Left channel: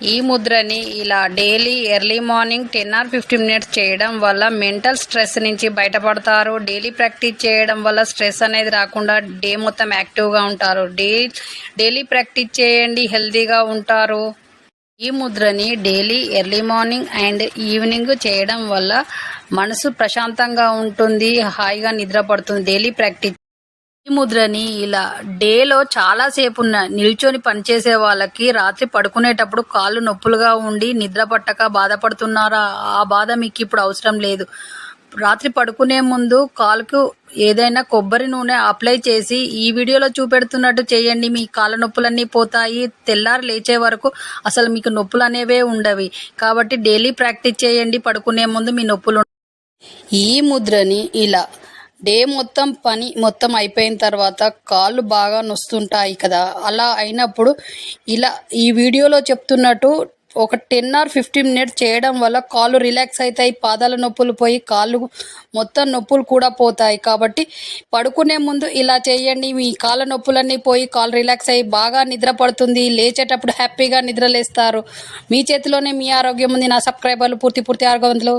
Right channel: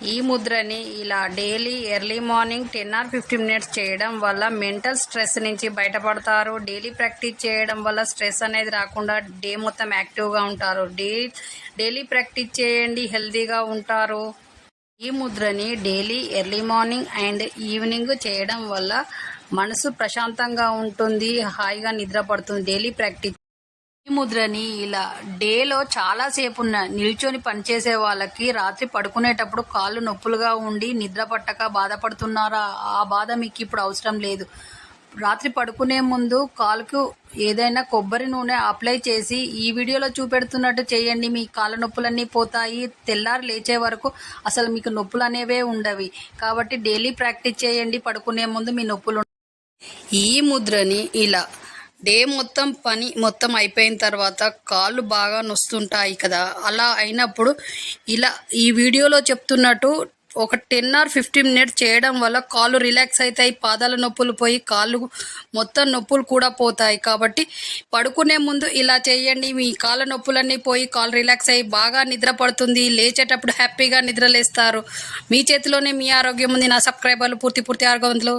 ఈ ముద్రని ఇలా daily early morning 10 or 15 minutes చేయడం వల్ల మెంటల్ స్ట్రెస్ నుంచి బయటపడతారు. డైలీ ప్రాక్టీస్ చేయడం వల్ల స్ట్రెస్ అనేది రాకుండా డే మొత్తం యాక్టివ్గా ఉంటారు. డైలీ ప్రాక్టీస్ చేయండి, హెల్తీగా ఉంటారు. ఈ ముద్రని daily early morning and evening చేయడం వల్ల మనసు ప్రశాంతంగా ఉంటుంది, హాయిగా నిద్ర పడుతుంది. డైలీ ప్రాక్టీస్ ఈ ముద్రని ఇలా డేలో చాలాసేపు నిల్చొని పనిచేసే వాళ్ళకి రాత్రి పడుకునేటప్పుడు కాళ్ళు నొప్పులుగా ఉండి నిద్ర పట్టక బాధపడుతున్నారా? ఆ బాధ మీకు ఇప్పుడు అవసరం లేదు. రాత్రి పడుకునే ముందు కాలుకు ఏదైనా కొబ్బరి నూనె అప్లై చేసి ఈ వీడియోలో చూపెడుతున్నట్టు చేయండి. మీ కాళ్ళ నొప్పులన్నీ పోతాయి. తెల్లారి లేచే వరకు అసలు మీకు నొప్పులు అనేవే ఉండవి. కాబట్టి డైలీ ప్రాక్టీస్ చేయండి. పడుకునే ముందు మీ నొప్పులు ఈ ముద్రని ఇలా డే మొత్తం పని మొత్తం అయిపోయిన తర్వాత కాళ్ళు బాగా నొస్తుంటాయి కదా, అలా అయినప్పుడు ఇలా ఈ వీడియోలో చెప్తున్నట్టు ఒక 10 or 15 మినిట్స్ చేయడం వల్ల కాళ్ళు రిలాక్స్ అవుతాయి, పాదాల నొప్పులు పోయి కాళ్ళు మొత్తం నొప్పులు కూడా పోతాయి. కాబట్టి పడుకునే ముందు ఇలా చేయండి. మీ కాళ్ళ నొప్పులన్నీ పోయి కాళ్ళు రిలాక్స్ అయ్యి బాగా నిద్ర పడుతుంది. లేచేటప్పుడు హ్యాపీగా నిద్రలేస్తారు. మీ చేతిలోనే మీ ఆరోగ్యం ఉంది. నా సబ్స్క్రైబర్లు పూర్తి ఆరోగ్యవంతులు.